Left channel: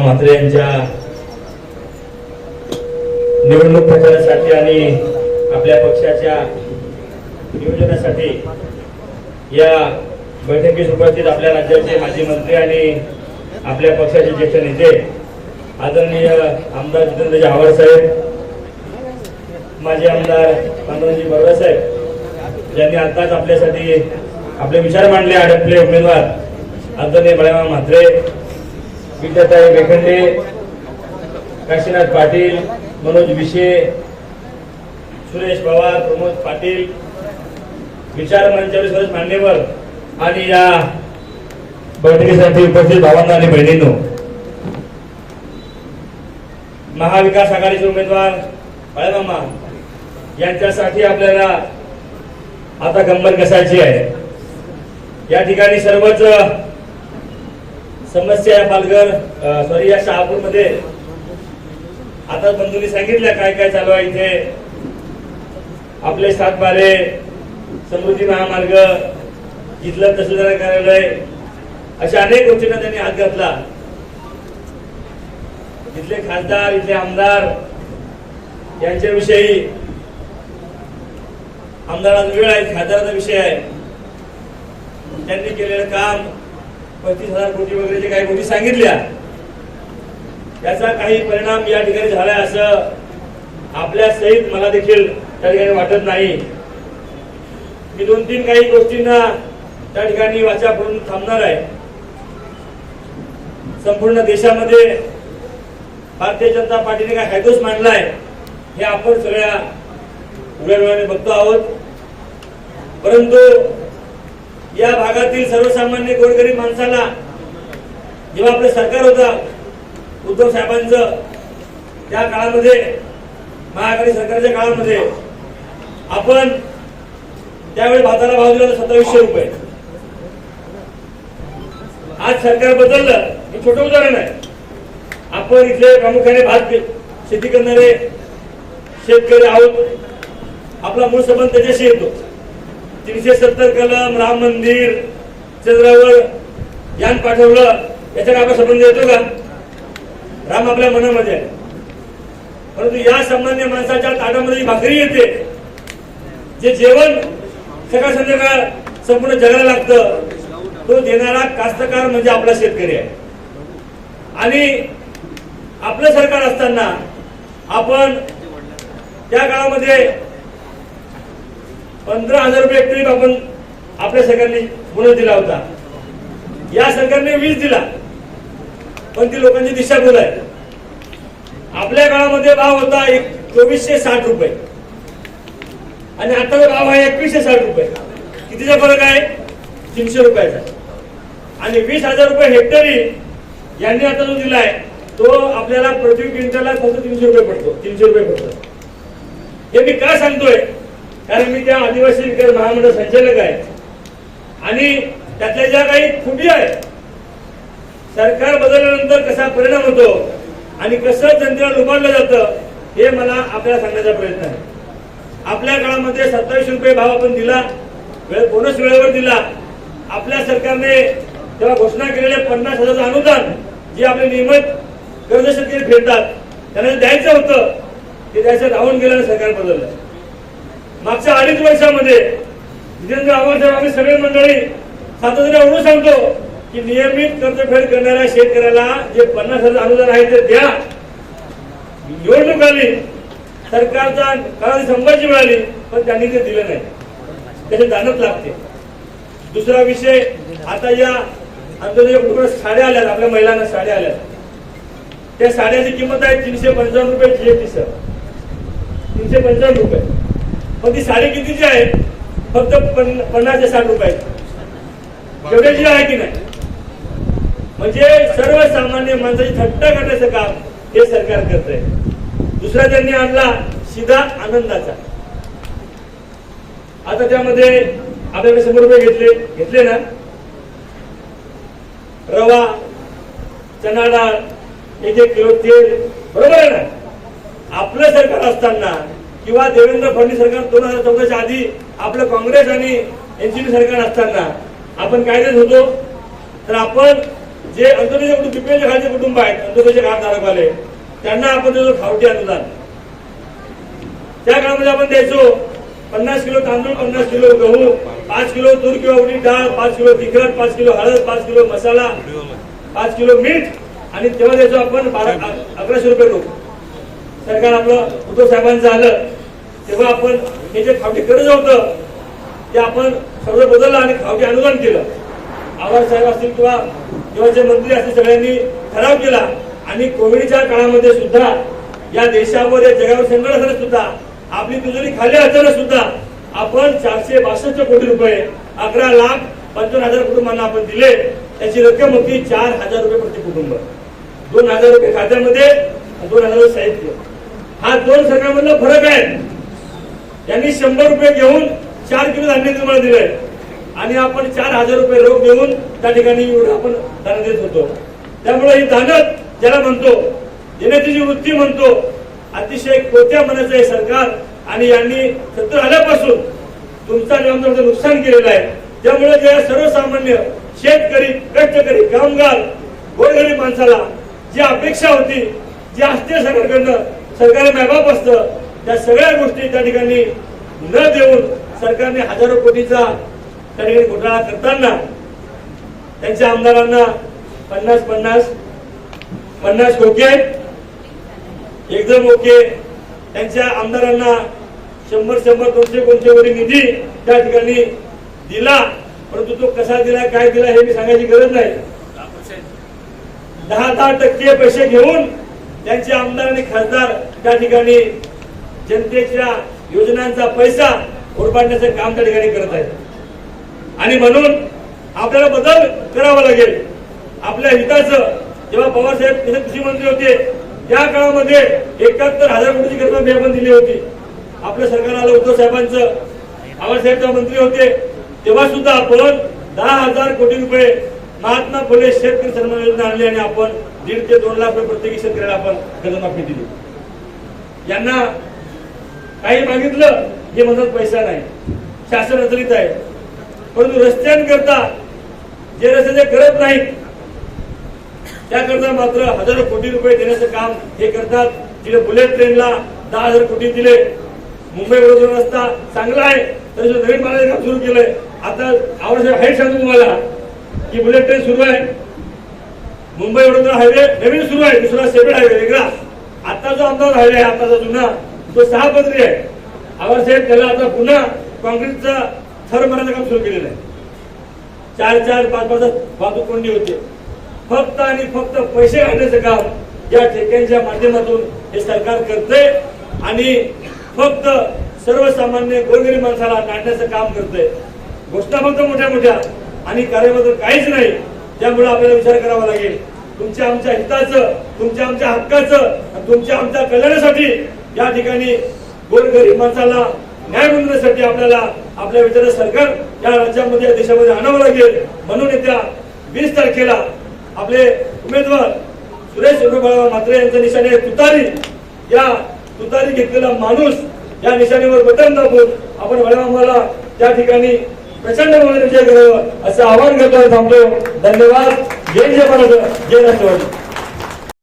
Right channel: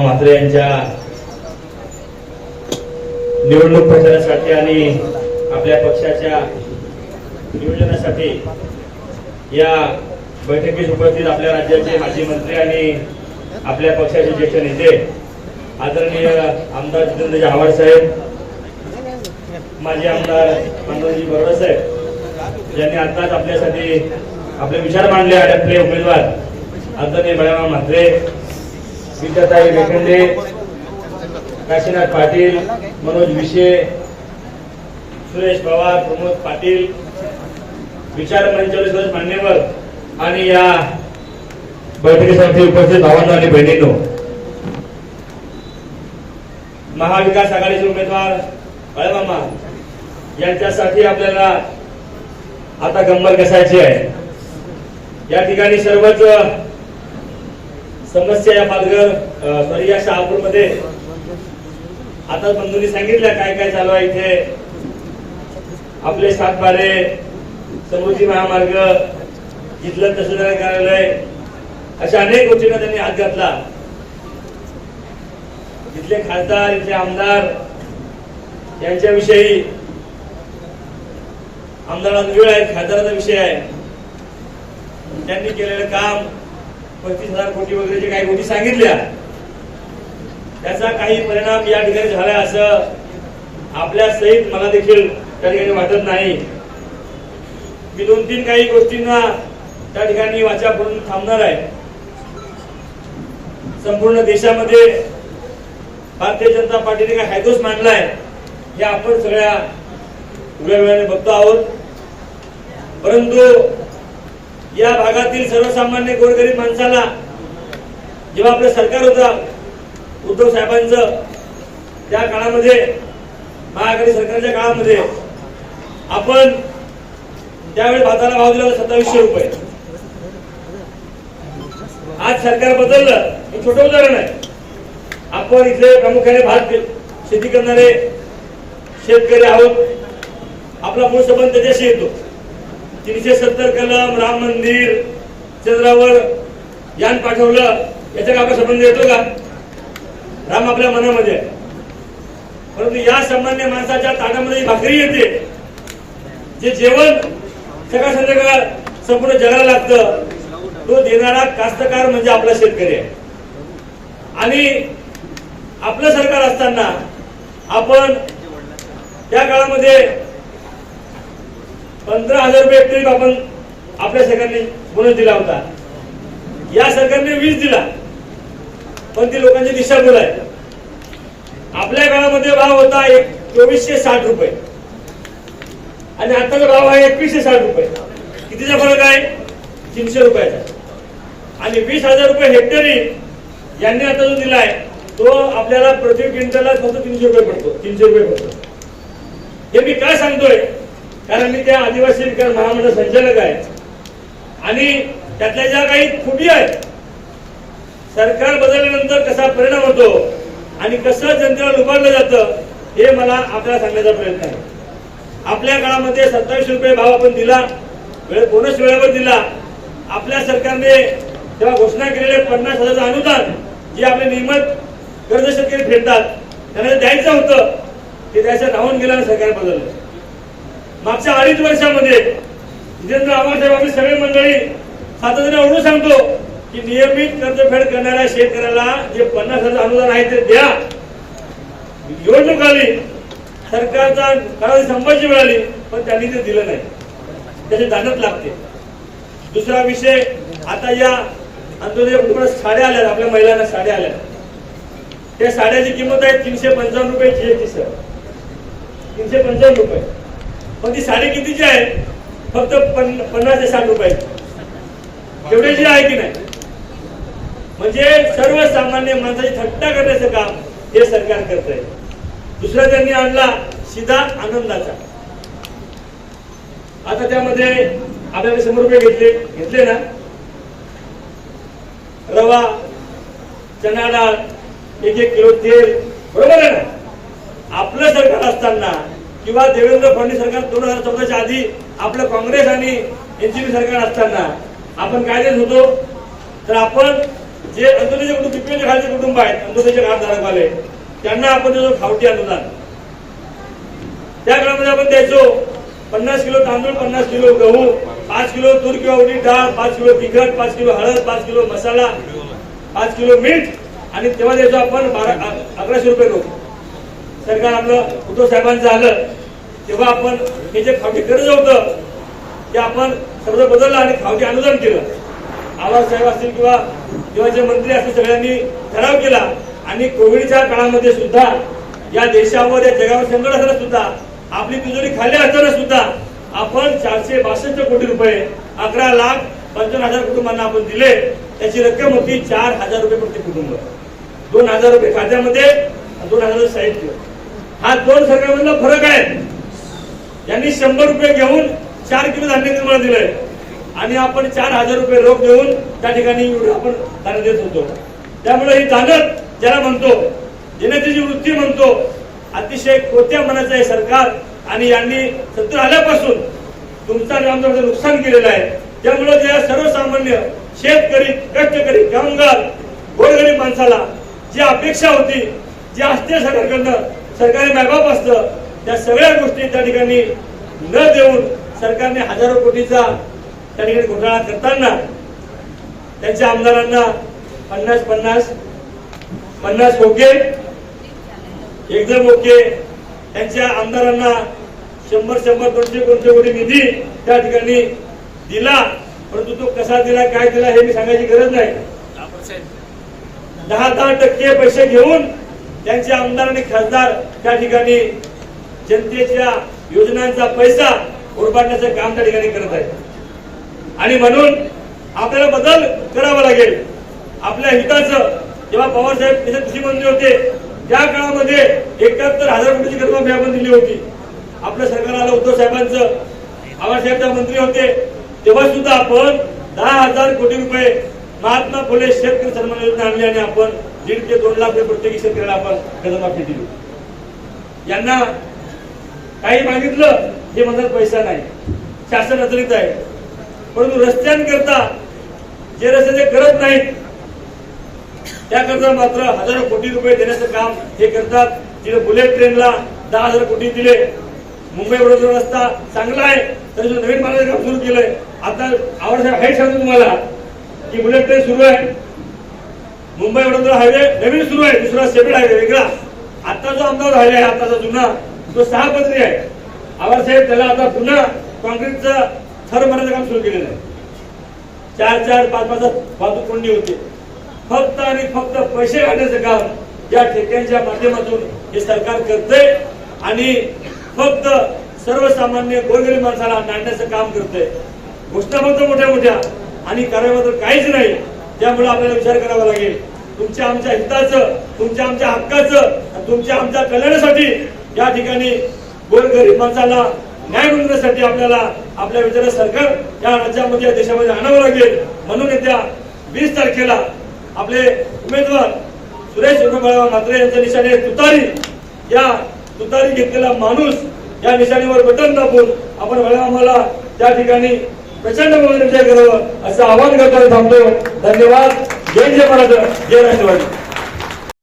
बळामा म्हात्रे यांच्या निवडणूक प्रचारासाठी आणि आपल्या पक्षाच्या नियोजनासाठी या बैठकीस उपस्थित आपल्या राज्याचे माजी मंत्री आणि आपल्या पक्षाचे ज्येष्ठ नेते आदरणीय आमदार जितेंद्र आव्हाड साहेब माजी आमदार मनोजी बरोबर साहेब ज्यांनी आताच आपल्यासाठी आपले विचार मांडले अडकले उमेदवार. आदरणीय बळाराम म्हात्रे विद्याताई वेखंडे काशीनाथ पाटील मनोज विशे सुरेश पवार प्रमोद पाटील विचार मंचावर सर्व मान्यवर आणि या बैठकीसाठी उपस्थित भावांना आणि बहिणींनो. महाविकास आघाडीचे उमेदवार बाळमामा यांच्यासाठी आपल्याला आता गंमत कसायची आहे. या ठिकाणी सर्वच समस्या या पालघर सॉरी या शहापूरमध्ये. आता बंधूंनी सांगितलं काय काय चालू आहे इथे. आपले सातबारे समृद्धी महामार्ग इथलं तहसीलदार कार्यालय. अशा अनेक गोष्टींना त्यांनी हात घातला. इथले खासदार इथले आमदार यांच्याविषयी आमदार वेळ आहे खासदाराचा विषय आहे. त्यांनी केलेलं काम पस्तीस हजार कोटी वगैरे जे काही गोष्टी सांगितल्या त्याचा काही परिणाम या ठिकाणी झाला असं आपल्या सहित मला देखील त्या ठिकाणी वाटत नाही. मी दोन तीन काही गोष्टींना त्या ठिकाणी वाचा पडून थांबणार आहे. संपूर्ण देशामध्ये भारतीय जनता पार्टीने काय हायदोस मांडलाय हे आपण सगळ्या उघड्या बघतो आहोत. परंतु या भागातील सर्वसामान्य गोरगरीब माणसाला जेव्हा आपलं सरकार होता उद्धव साहेबांचं त्या काळामध्ये महाआघाडी सरकारच्या काळामध्ये आपण त्यावेळी भाताला भाव दिला होता सत्तावीसशे रुपये. आज सरकार बदललं हे छोटं उदाहरण आहे. आपण इथले प्रामुख्याने भात शेती करणारे शेतकरी आहोत. आपला मूळ संबंध त्याच्याशी येतो. तीनशे सत्तर कलम राम मंदिर चंद्रावर यान पाठवलं. याचा आपला संबंध येतो का? राम आपल्या मनामध्ये आहे. परंतु या सामान्य माणसाच्या ताटामध्ये जी भाकरी येते जे जेवण सकाळ संध्याकाळ संपूर्ण जगाला लागतं तो देणारा कास्तकार म्हणजे आपला शेतकरी आहे. आणि आपलं सरकार असताना आपण त्या काळामध्ये पंधरा हजार रुपये ट्रीप आपण आपल्या सरकारने बोनस दिला होता. या सरकारने वीस दिला. पण ती लोकांची दिशाभूल आहे. आपल्या काळामध्ये भाव होता एक चोवीसशे साठ रुपये. आणि आताचा भाव आहे एकवीसशे साठ रुपये. कितीचा फरक आहे? तीनशे रुपयाचा. आणि वीस हजार रुपये हेक्टरी यांनी आता जो दिलाय तो आपल्याला प्रति क्विंटलला फक्त तीनशे रुपये पडतो. तीनशे रुपये पडतो. हे मी का सांगतोय? कारण मी त्या आदिवासी विकास महामंडळ संचालक आहे. आणि त्यातल्या ज्या काही खुटी आहेत सरकार बदलल्यानंतर कसा परिणाम होतो आणि कसं जनतेला लुबाडलं जातं हे मला आपल्याला सांगण्याचा प्रयत्न आहे. आपल्या काळामध्ये सत्तावीसशे रुपये भाव आपण दिला वेळ बोनस वेळेवर दिला. आपल्या सरकारने तेव्हा घोषणा केलेले पन्नास हजारचं अनुदान जे आपले नियमित कर्ज शेतकरी फेडतात त्यांना द्यायचं होतं ते द्यायचं राहून गेलं आणि सरकार बदललं. मागच्या अडीच वर्षामध्ये जितेंद्र आव्हाड आम्ही सगळे मंडळी सातत्याने एवढं सांगतो की नियमित कर्जफेड करणाऱ्या शेतकऱ्याला जे पन्नास हजार अनुदान आहे ते द्या. निवडणूक आली सरकारचा काळात संभाजी मिळाली पण त्यांनी ते दिलं नाही. त्याचे दानत लागते. दुसरा विषय आता या अंत्योदय साड्या आल्या आपल्या महिलांना साड्या आल्या त्या साड्याची किंमत आहे तीनशे पंचावन्न रुपये जीएसटी सर तीनशे पंचावन्न रुपये. पण ती साडी कितीची आहे फक्त पन्नास ते साठ रुपये. एवढ्याची आहे की नाही? म्हणजे सर्वसामान्य माणसाची थट्टा करण्याचं काम हे सरकार करत आहे दुसरा त्यांनी आणला सीधा आनंदाचा. आता त्यामध्ये आपल्याकडे शंभर रुपये घेतले घेतले ना? रवा चना डाळ एक एक किलो तेल बरोबर आहे ना? आपलं सरकार असताना किंवा देवेंद्र फडणवीस सरकार दोन हजार चौदाच्या आधी आपलं काँग्रेस आणि एनसीपी सरकार असताना आपण काय देत होतो? तर आपण जे अंत्योदयचे कुटुंब बीपीएलच्या खालचे कुटुंब आहेत अंत्योदयचे कार्ड धारकवाले त्यांना आपण देतो खावटी अनुदान. त्या काळामध्ये आपण द्यायचो पन्नास किलो तांदूळ पन्नास किलो गहू पाच किलो तूर किंवा उडीद डाळ पाच किलो तिखट पाच किलो हळद पाच किलो मसाला पाच किलो मीठ आणि तेव्हा द्यायचो आपण बारा अकराशे रुपये रोख. सरकार आपलं उद्धव साहेबांचं आलं तेव्हा आपण हे जे खावटी कर्ज होतं ते आपण शब्द बदलला आणि खावटी अनुदान केलं. आवाज साहेब असतील किंवा तेव्हाचे मंत्री असतील सगळ्यांनी ठराव केला. आणि कोविडच्या काळामध्ये सुद्धा या देशावर या जगावर संकट असताना सुद्धा आपली तिजोरी खाली असताना सुद्धा आपण चारशे बासष्ट कोटी रुपये अकरा लाख पंचावन्न हजार कुटुंबांना आपण दिले. त्याची रक्कम होती चार हजार रुपये प्रति कुटुंब. दोन हजार रुपये खात्यामध्ये दोन हजार साहित्य. हा दोन सरकारमधला फरक आहे. यांनी शंभर रुपये घेऊन चार किलो धान्य तुम्हाला दिलंय. आणि आपण चार हजार रुपये रोख देऊन त्या ठिकाणी एवढं आपण धान्य देत होतो. त्यामुळे ही दानत ज्याला म्हणतो जनतेची वृत्ती म्हणतो अतिशय कोत्या मनाचं आहे सरकार. आणि यांनी सत्तर आल्यापासून तुमचा आणि आमचं नुकसान केलेलं आहे. त्यामुळे ज्या सर्वसामान्य शेतकरी कष्टकरी कामगार गोरगरीब माणसाला जी अपेक्षा होती जी असते सरकारकडनं सरकारी मायबाप असतं त्या सगळ्या गोष्टी त्या ठिकाणी न देऊन सरकारने हजारो कोटीचा त्या ठिकाणी घोटाळा करताना त्यांच्या आमदारांना पन्नास पन्नास पन्नास ओके एकदम ओके त्यांच्या आमदारांना शंभर शंभर दोनशे दोनशे कोटी निधी त्या ठिकाणी दिला परंतु तो कसा दिला काय दिला हे मी सांगायची गरज नाही. दहा दहा टक्के पैसे घेऊन त्यांचे आमदार आणि खासदार त्या ठिकाणी जनतेच्या योजनांचा पैसा उरपाडण्याचं काम त्या ठिकाणी करत आहेत. आणि म्हणून आपल्याला बदल करावा लागेल. आपल्या हिताचं जेव्हा पवारसाहेब तिथे कृषी मंत्री होते त्या काळामध्ये एकाहत्तर हजार कोटीची कर्जमाफी आपण दिली होती. आपलं सरकार आलं उद्धव साहेबांचं आवाज साहेब मंत्री होते तेव्हा सुद्धा आपण दहा हजार कोटी रुपये महात्मा फुले शेतकरी सन्मान योजना आणली आणि आपण दीड ते दोन लाख रुपये प्रत्येकी शेतकऱ्याला आपण कर्जमाफी दिली. यांना काही मागितलं हे म्हणतात पैसा नाही. शासन अचलित आहे. परंतु रस्त्यांकरता जे रस्ते करत नाहीत त्याकरता मात्र हजारो कोटी रुपये देण्याचं काम हे करतात. तिथे बुलेट ट्रेनला दहा हजार कोटी दिले. मुंबई वडोदरा रस्ता चांगला आहे तरी जो नवीन मार्गाचं काम सुरू केलंय. आता आवड हाईट सांगतो तुम्हाला की बुलेट ट्रेन सुरू आहे. मुंबई वडोदरा हायवे नवीन सुरू आहे दुसरा सेपरेट हायवे वेगळा. आता जो आमदार हायवे आहे आताचा जुना तो सहा पदरी आहे. आवाज त्याला आता पुन्हा कॉन्क्रीटचा थर मारण्याचं काम सुरू केलेलं आहे. चार चार पाच पाच वाहतूक कोंडी होते. फक्त आणि फक्त पैसे काढण्याचं काम या ठेक्यांच्या माध्यमातून हे सरकार करतंय आणि फक्त सर्वसामान्य गोरगरीब माणसाला नाडण्याचं काम करतंय. घोषणा फक्त मोठ्या मोठ्या आणि कार्य मात्र काहीच नाही त्यामुळे आपल्याला विचार करावा लागेल. तुमच्या आमच्या हिताचं तुमच्या आमच्या हक्काचं तुमच्या आमच्या कल्याणासाठी या ठिकाणी गोरगरीब माणसाला न्याय मिळवण्यासाठी आपल्याला आपल्या विचार सरकार या राज्यामध्ये या देशामध्ये आणावं लागेल. म्हणून येत्या वीस तारखेला आपले उमेदवार सुरेश उर्फ मात्रे यांच्या निशाणे तुतारी या तुतारी घेतलेला माणूस या निशाणीवर बटन दाबून आपण वळवामाला त्या ठिकाणी प्रचंड म्हणून विजय करावं असं आवाहन करताना थांबतो. धन्यवाद. जय जय महाराज जय राष्ट्रवादी